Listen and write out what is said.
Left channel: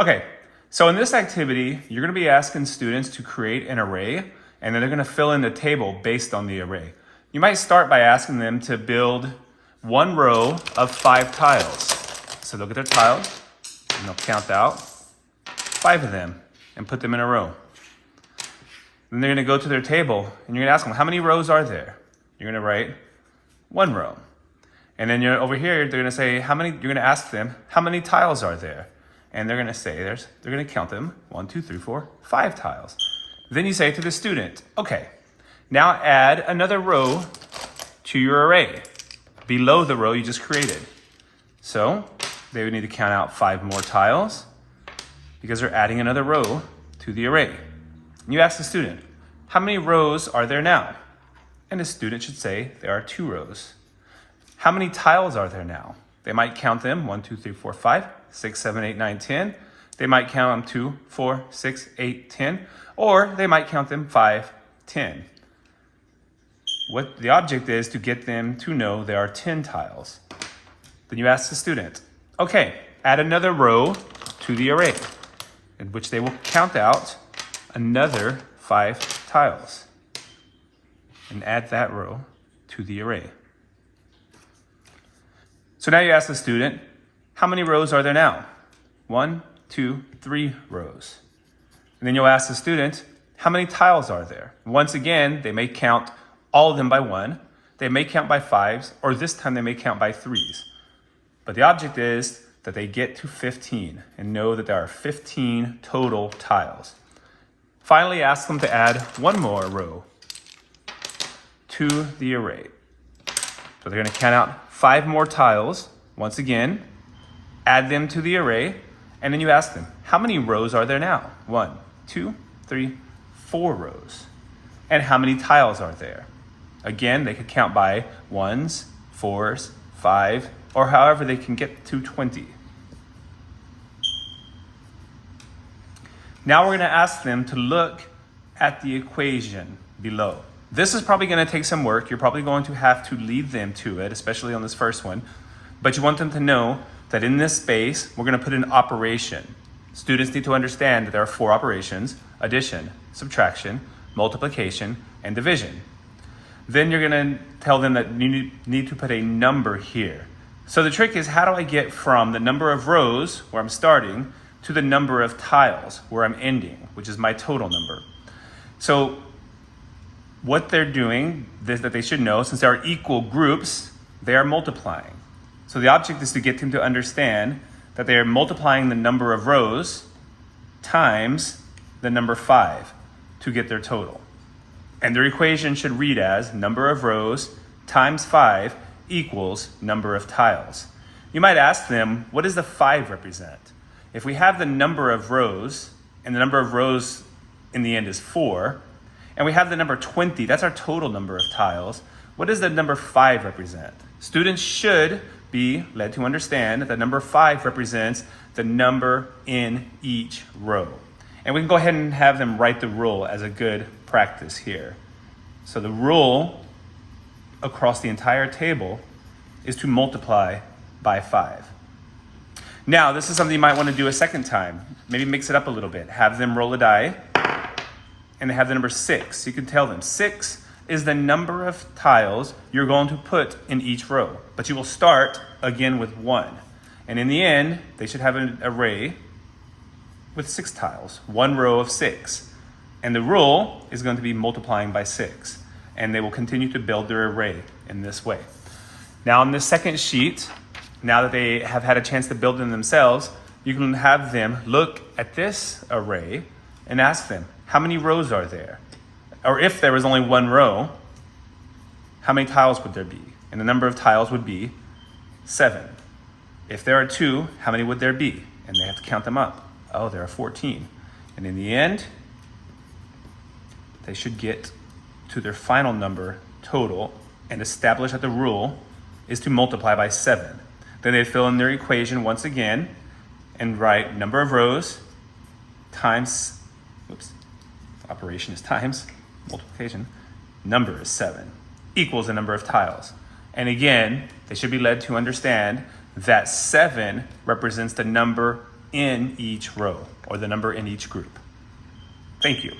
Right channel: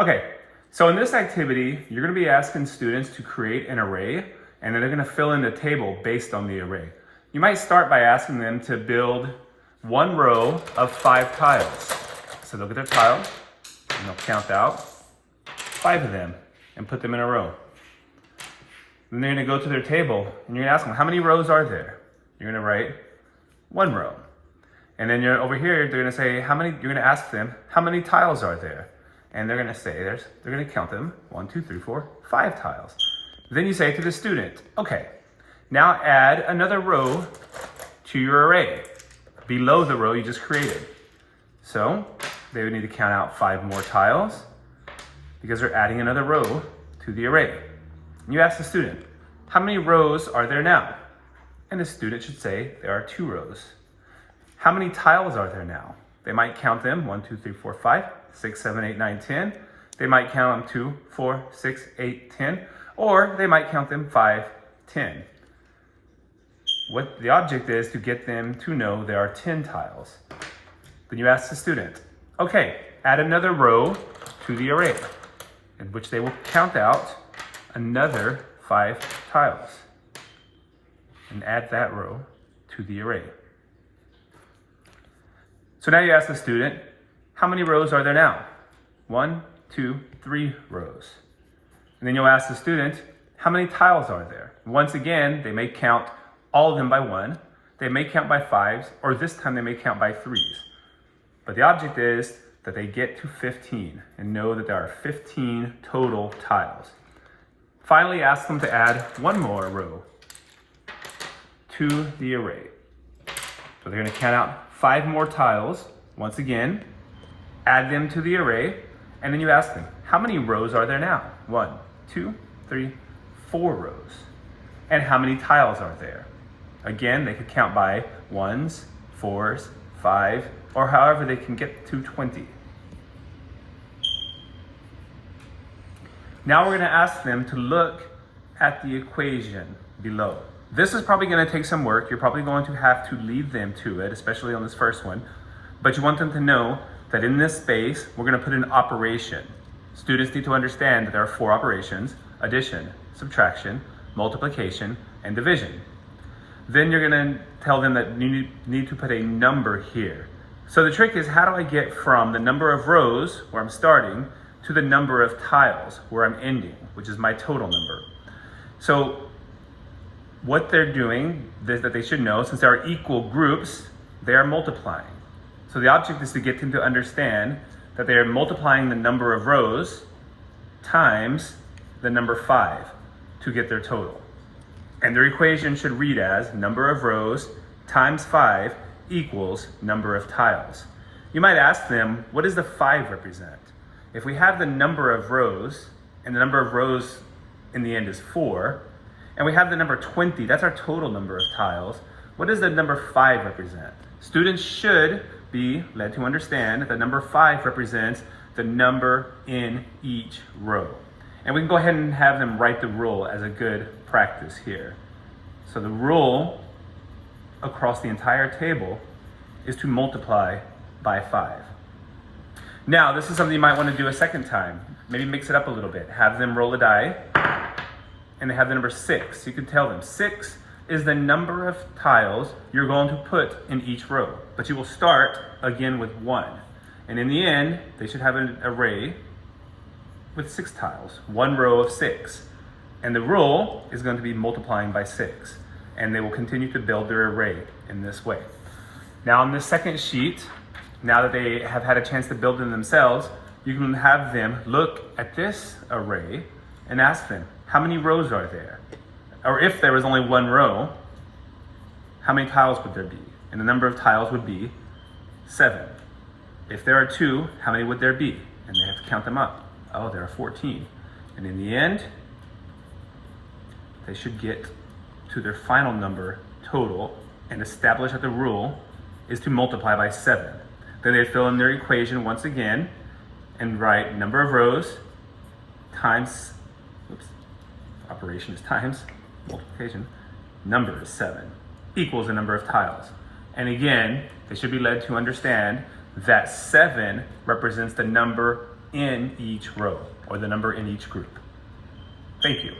Okay, so in this activity, you're gonna be asking students to create an array, and then they're gonna fill in the table based on the array. You might start by asking them to build one row of 5 tiles. So look at their tiles, and they'll count out 5 of them and put them in a row. Then they're gonna go to their table, and you're gonna ask them, how many rows are there? You're gonna write 1 row. And then over here, they're gonna say, you're gonna ask them, how many tiles are there? And they're gonna say, they're gonna count them, 1, 2, 3, 4, 5 tiles. Then you say to the student, okay, now add another row to your array, below the row you just created. So they would need to count out 5 more tiles because they're adding another row to the array. And you ask the student, how many rows are there now? And the student should say, there are 2 rows. How many tiles are there now? They might count them, 1, 2, 3, 4, 5, 6, 7, 8, 9, 10. They might count them 2, 4, 6, 8, 10, or they might count them 5, 10. What the object is to get them to know there are 10 tiles. Then you ask the student, okay, add another row to the array, in which they will count out another 5 tiles and add that row to the array. So now you ask the student, how many rows are there now? 1, 2, 3 rows. And then you'll ask the student, how many tiles are there? Once again, they may count all of them by 1, they may count by 5s, or this time they may count by 3s. But the object is that they get to 15 and know that there are 15 total tiles. Finally, ask them to add 1 more row to the array. So they're gonna count out 5 more tiles, once again, add them to the array, and then you ask them, how many rows are there now? 1, 2, 3, 4 rows. And how many tiles are there? Again, they could count by 1s, 4s, 5, or however they can get to 20. Now we're gonna ask them to look at the equation below. This is probably gonna take some work. You're probably going to have to lead them to it, especially on this first one. But you want them to know that in this space, we're gonna put an operation. Students need to understand that there are 4 operations: addition, subtraction, multiplication, and division. Then you're gonna tell them that you need to put a number here. So the trick is, how do I get from the number of rows, where I'm starting, to the number of tiles, where I'm ending, which is my total number? So what they're doing, that they should know, since there are equal groups, they are multiplying. So the object is to get them to understand that they are multiplying the number of rows times the number 5 to get their total. And their equation should read as number of rows times 5 equals number of tiles. You might ask them, what does the 5 represent? If we have the number of rows, and the number of rows in the end is 4, and we have the number 20, that's our total number of tiles, what does the number 5 represent? Students should be led to understand that number 5 represents the number in each row. And we can go ahead and have them write the rule as a good practice here. So the rule across the entire table is to multiply by 5. Now, this is something you might want to do a second time. Maybe mix it up a little bit. Have them roll a die, and they have the number 6. You can tell them 6 is the number of tiles you're going to put in each row. But you will start again with 1. And in the end, they should have an array with 6 tiles, 1 row of 6. And the rule is going to be multiplying by 6. And they will continue to build their array in this way. Now on this second sheet, now that they have had a chance to build them themselves, you can have them look at this array and ask them, how many rows are there? Or if there was only 1 row, how many tiles would there be? And the number of tiles would be 7. If there are 2, how many would there be? And they have to count them up. Oh, there are 14. And in the end, they should get to their final number total and establish that the rule is to multiply by 7. Then they fill in their equation once again and write number of rows times, operation is times, multiplication, number is 7, equals the number of tiles. And again, they should be led to understand that 7 represents the number in each row or the number in each group. Thank you.